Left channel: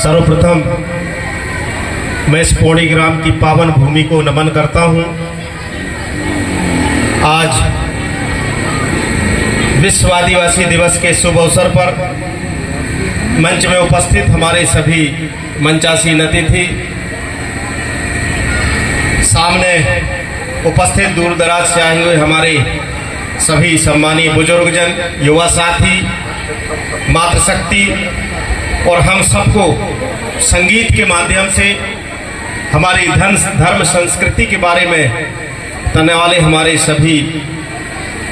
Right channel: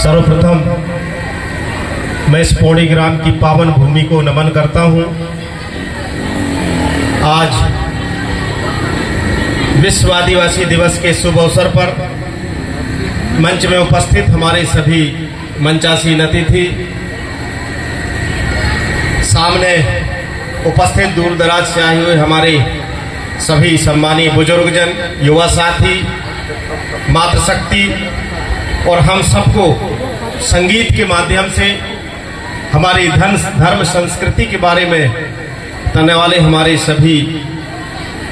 सर्वप्रथम मैं इस पौड़ी ग्राम की पावन भूमि को नमन करता हूं। आज विश्व आदिवासी दिवस के शुभ अवसर पर मंच में उपस्थित हमारे सभी मंचासीन अतिथि, सामने उपस्थित दूर दराज से आए हुए हमारे सभी सम्मानीय बुजुर्गजन, युवा साथी, मातृशक्ति और हम सबको संगीत के माध्यम से हमारी धर्म संस्कृति के बारे में बताने वाले हमारे सभी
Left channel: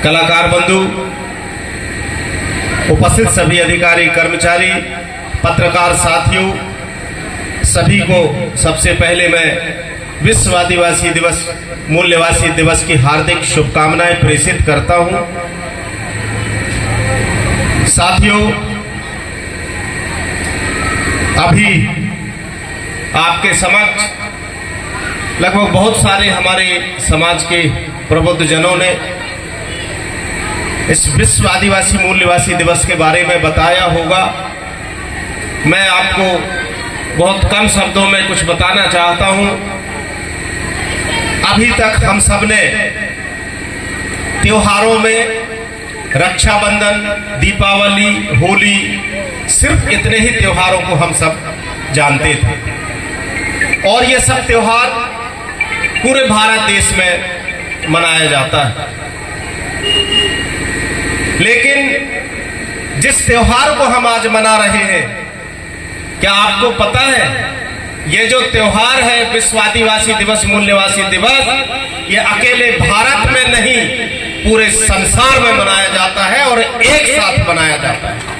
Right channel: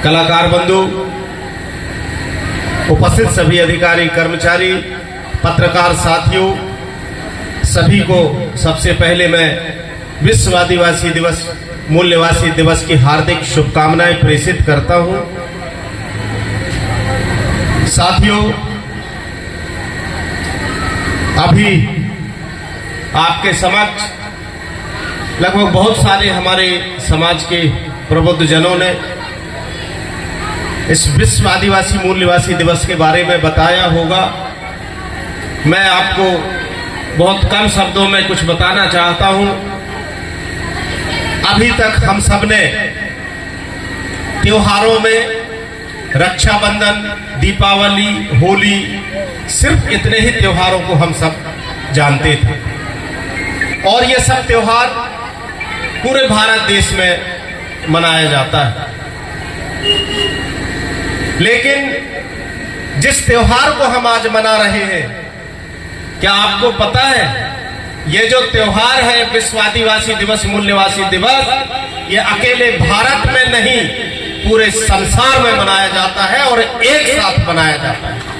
कलाकार बंधु, उपस्थित सभी अधिकारी, कर्मचारी, पत्रकार साथियों, सभी को सबसे पहले मैं विश्व आदिवासी दिवस, मूल्यवासी दिवस की हार्दिक शुभकामनाएं प्रेषित करता हूं। साथियों, अभी आपके समक्ष लगभग बहुत सारे हमारे समाज के प्रबुद्ध जनों ने इस विश्व आदिवासी मूल्यवासी दिवस के बारे में बताया होगा। मैं आपको बहुत कम शब्दों में कुछ बताना चाहता हूं। अभी तक हम सब ने त्योहारों में रक्षाबंधन, दीपावली, होली, सिर्फ इतने ही त्योहारों को हम सब जानते थे और ये सब त्योहार पूरे भारत देश में मनाया जाता है। लेकिन जिस त्योहार को हम आज मना रहे हैं, क्या आपको पता है ये जो त्योहार है विश्व आदिवासी दिवस, मूल्यवासी दिवस, ये अकेले भारत में नहीं पूरे संसार में मनाया जाता है और एक साथ मनाया जाता है।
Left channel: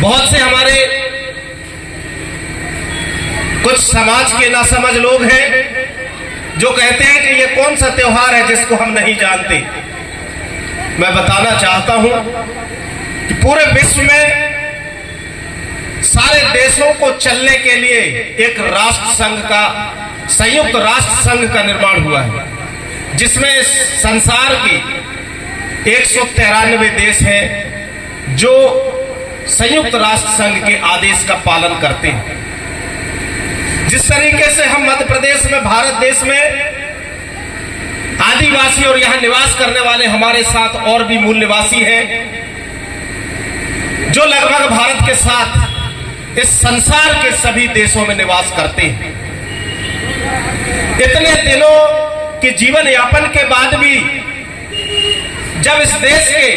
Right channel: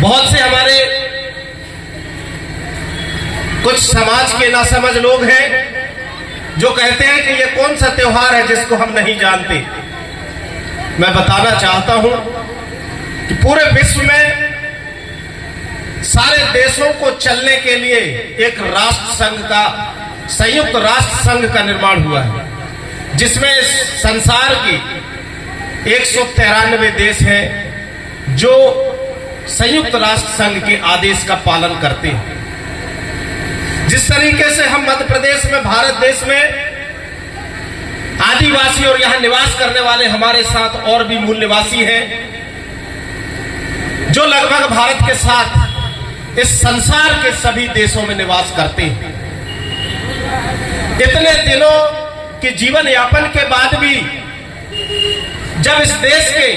बहुत से हमारे कुछ समाज के नासमझ लोग हैं जो कहते हैं कि ये कौन सा त्योहार है जिसको हम नहीं जानते। मैं बताना चाहता हूं कि पूरे विश्व में सारे देशों को चलने के लिए एक राष्ट्र संघ का, संयुक्त राष्ट्र संघ का निर्माण हुआ है, जिसमें संसार की 193 देश हैं जो संयुक्त राष्ट्र संघ के आदेश का पालन करते हैं। जिस तरीके से हम मध्य प्रदेश में, भारत देश में आदिवासी और यहां निवास करने वाले हमारे साथ और भी मूल्यवासी हैं जो लगभग भारत के साथ इस संसार के सभी देशों में निवास करते हैं। इतने दिनों के जीवन यापन के बाद भी जब इस देश के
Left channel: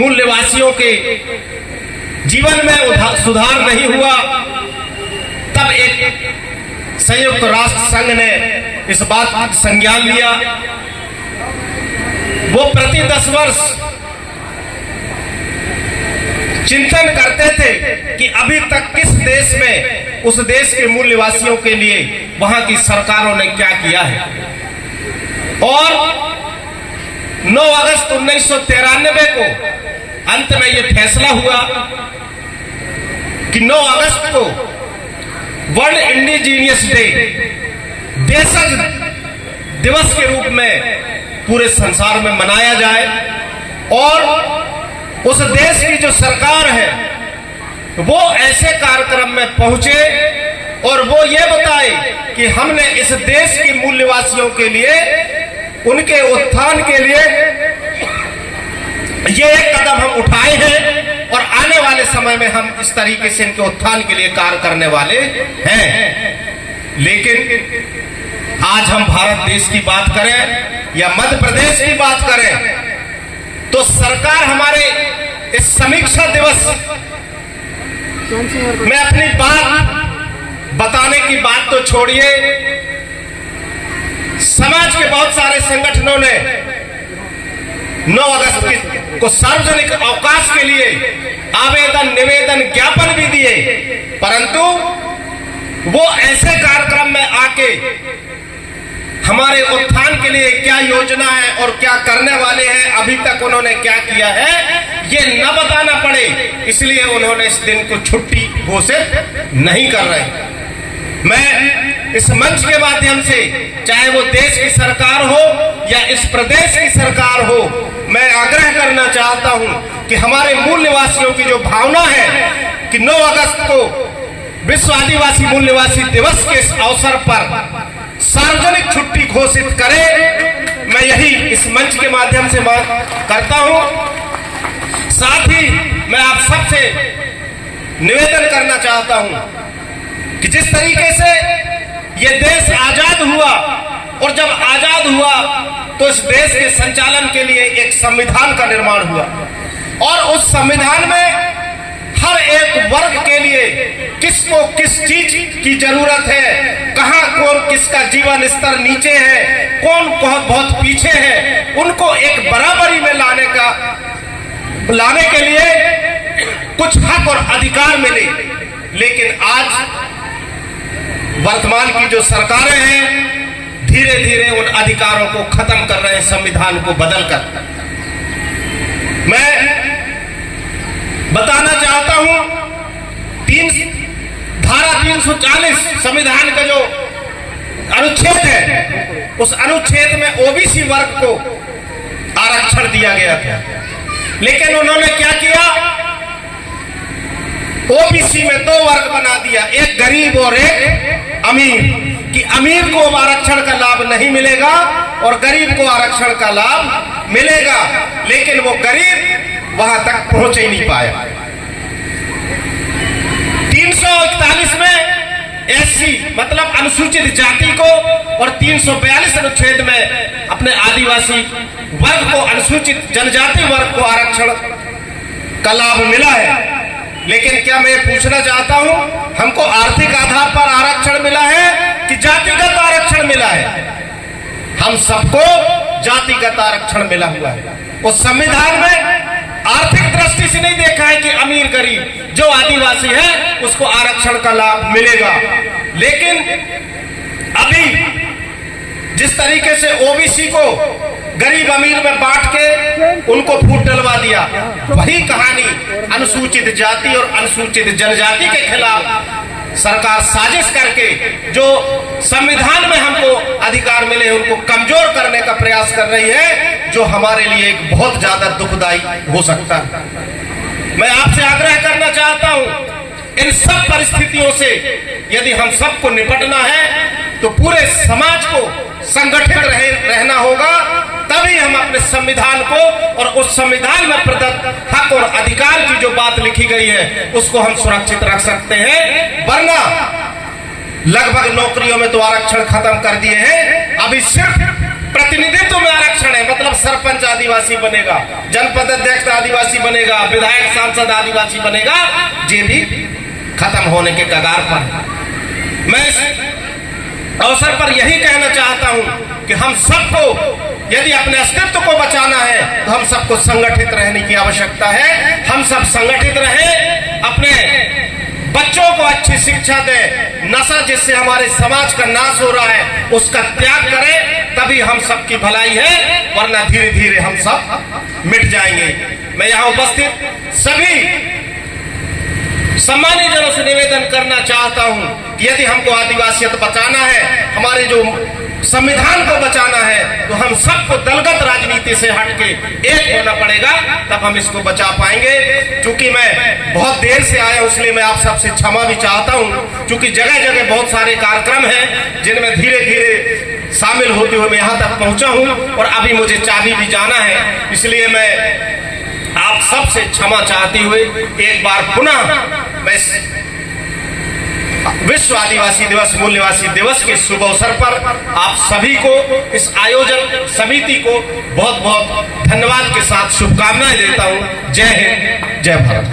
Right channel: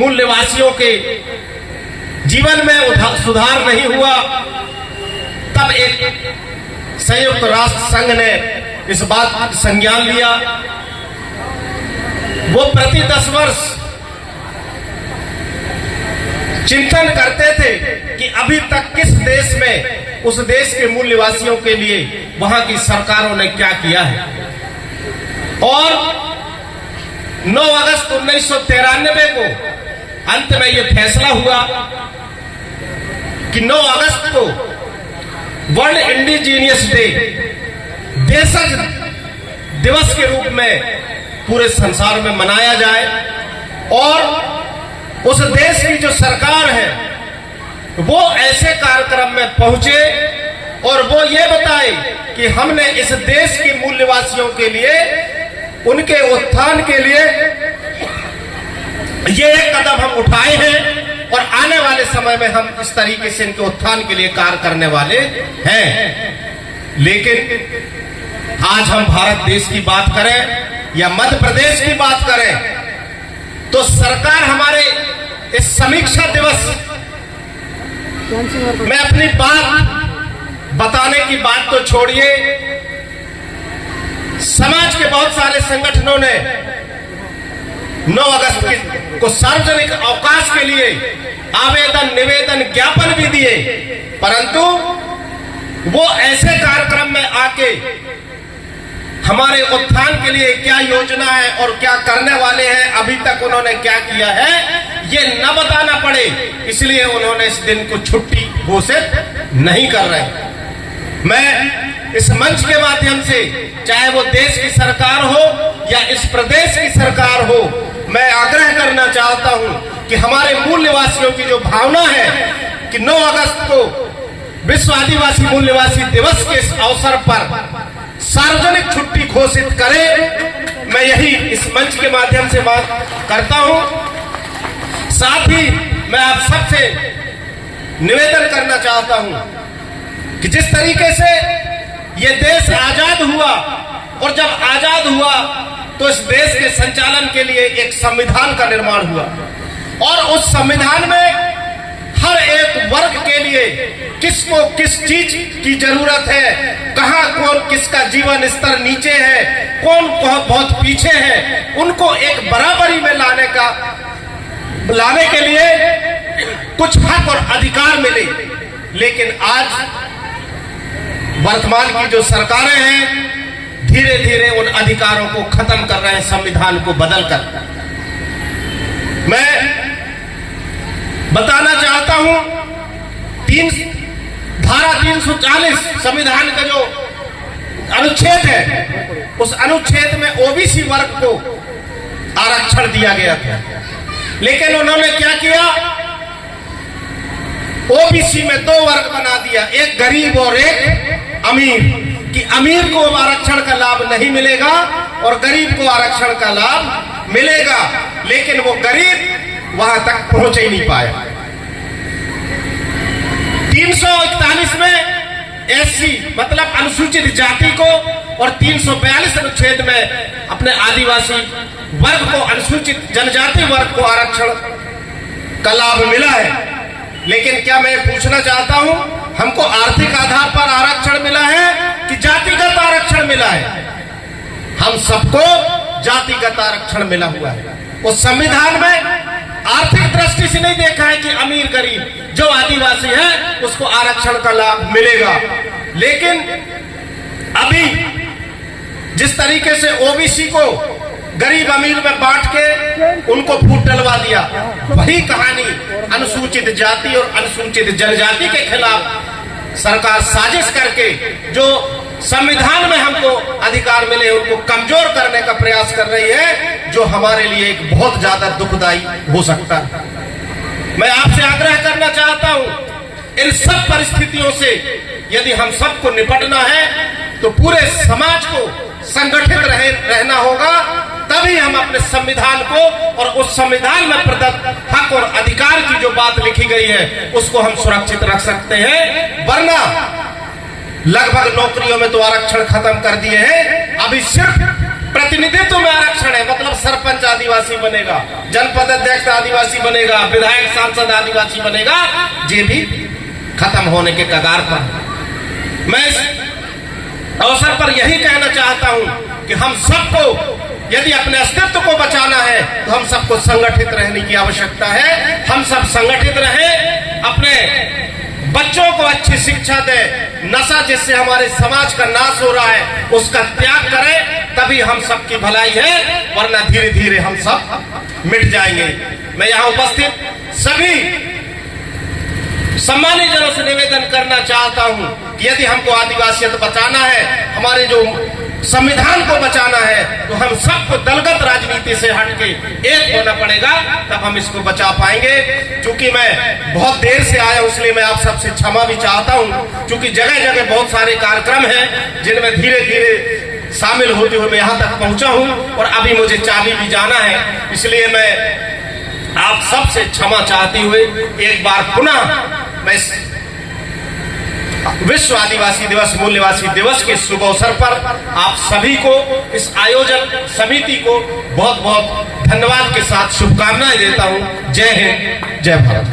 मूल्यवासियों के जीवन में सुधार नहीं हुआ, तब एक संयुक्त राष्ट्र संघ ने इस बात का संज्ञान लिया। वो प्रति 10 वर्ष चिंतन करते थे कि अभी तक किस देश में, उस देश के मूल्यवासियों के लिए वहां की सरकारों ने क्या किया है। और 9 अगस्त 1993 को अंत में यह फैसला हुआ कि 9 अगस्त को वर्ल्ड इंडिजीनियस डे, देशज दिवस के रूप में पूरे संसार में मनाया जाए और उस देश की जो सरकार है वो ऐसे कार्यक्रम में पहुंचे और वो ये बताए कि हमने इस देश के मूल्यवासियों के लिए, उनके उत्थान के लिए ये एक कदम हम उठाए हैं और आने वाले समय में हम इस तरीके से इनके उत्थान के लिए कार्य करने वाले हैं। लेकिन आज हम भारत देश की बात करें या मध्य प्रदेश की बात करें तो सरकार हमारे इस समीक्षा दिवस में अपनी बात बताने की बात तो छोड़िए, समाज के बहुत सारे संगठनों ने 9 अगस्त को सार्वजनिक अवकाश के लिए आवेदन, निवेदन, ज्ञापन भी दिए, परंतु वो ऐसे कार्यक्रम में आके हमारे उत्थान के लिए क्या योजना है और क्या करने वाले हैं, अभी तक उन्होंने क्या किया है, ये न बताना पड़े, इसलिए उन्होंने इस दिन को छुट्टी घोषित नहीं कर रहे। मैं इस मंच के माध्यम से, चाहे वो देश की सरकार हो या इस प्रदेश की सरकार हो, मैं आग्रह करना चाहता हूं कि हमारे मूल निवासियों की जो भावना है कि 9 अगस्त को विश्व आदिवासी मूल निवासी दिवस के इस अवसर पर सार्वजनिक छुट्टी घोषित करे। मैं यही इस मंच के माध्यम से बात करता हूं। साथ ही मैं आप सबसे निवेदन करना चाहता हूं कि जिस तरीके से ये देश आजाद हुआ, और जब आजाद हुआ तो इस देश के संचालन के लिए एक संविधान का निर्माण हुआ, और उस संविधान में हर एक वर्ग के लिए किसको किस चीज की जरूरत है, कहां कौन किसका जीवन स्तर नीचे है, कौन बहुत पीछे है, उनको एक बराबरी में लाने के लिए कुछ हक और अधिकार मिले। लेकिन आज वर्तमान की जो सरकारें हैं धीरे धीरे उन अधिकारों को खत्म कर रहे हैं, संविधान को बदलकर। मैं बताना चाहता हूं, धारा 340 संविधान का जो अनुच्छेद है, उस अनुच्छेद में ओबीसी वर्ग को आरक्षण दिया गया था। लेकिन उन्होंने क्या किया, ओबीसी में 2 वर्ग बना दिया, एक गरीब और एक अमीर, कि अमीर को आरक्षण का लाभ नहीं मिलेगा और गरीब को आरक्षण का लाभ मिलेगा। लेकिन वो गरीब वहां तक पहुंच ही नहीं पाया। 341 में एससी मतलब अनुसूचित जाति को, और 342 अनुच्छेद में अपने आदिवासी वर्ग को, अनुसूचित जनजाति वर्ग को आरक्षण का लाभ मिला है। लेकिन क्या मैं पूछना चाहता हूं, हमको आर्थिक आधार पर आरक्षण मिला है कि जातिगत आरक्षण मिला है? हम सबको जातिगत आरक्षण मिला हुआ है। उस संविधान में आर्थिक दृष्टि से नहीं देखा है कि अमीर गरीब, जो आदिवासी है उसको आरक्षण का लाभ मिलेगा। लेकिन अभी जिस तरीके से ओबीसी को गरीब अमीर में बांट के उनको फूट डलवा दिया, वही कहानी अनुसूचित जाति और अनुसूचित जनजाति के खिलाफ सरकार साजिश करके जो संविधान में हमको अधिकार मिले उनको कमजोर करने का प्रयास कर रही है, जो हमारे लिए एक बहुत ज्यादा दुखदायी हो सकता है। मैं आपसे आग्रह करना चाहता हूं, इन सब परिस्थितियों से यदि हम सबको निपटना है तो पूरे समाज को संगठित रहना होगा, तभी हम अपने संविधान को और उस संविधान में प्रदत्त हक और अधिकार की जो बात लिखी गई है उसको हम सुरक्षित रख सकते हैं। वरना लगभग नौकरियों में तो आरक्षण खत्म कर दिए हैं, अभी सिर्फ प्रतिनिधित्व में आरक्षण है, मतलब सरपंच आदिवासी बनेगा, जनपद अध्यक्ष आदिवासी बनेगा, विधायक सांसद आदिवासी बनेगा, ये भी खत्म होने के कगार पर। मैं इस अवसर पर यही कहना चाहता हूं कि हम सबको यदि अपने अस्तित्व को बचाना है तो हम सबको संगठित रहने की आवश्यकता है। हम सब संगठित रहें, अपने बच्चों को अच्छी शिक्षा दें, नशा जिससे हमारे समाज का नाश हो रहा है उसका त्याग करें, तभी हम सबकी भलाई है, वरना धीरे धीरे हम सब मिट जाएंगे। मैं यहाँ उपस्थित सभी सम्मानित जनों से निवेदन करना चाहता हूं कि यदि हमको आदिवासियत बचाना है, हमारे जो संविधान को बचाना है, तो हम सबको दलगत राजनीति से हटके एक होना पड़ेगा, तब हम इसको बचा पाएंगे। क्योंकि मैं बहुत देर से आया हूं, इसलिए मैं आप सबसे क्षमा भी चाहता हूं, क्योंकि जगह जगह बहुत सारे कार्यक्रम हैं जिनमें धीरे धीरे शामिल होते हुए मैं यहां तक पहुंचा हूं, और अभी मुझे चाबी भी जाना है। इसलिए मैं आप सबसे क्षमा चाहते हुए एक बार पुनः मैं विश्व आदिवासी दिवस मूल निवासी दिवस के शुभ अवसर पर आप सभी को, इस आयोजन समिति को बहुत बहुत धन्यवाद के साथ शुभकामनाएं देता हूं। जय हिंद, जय भारत।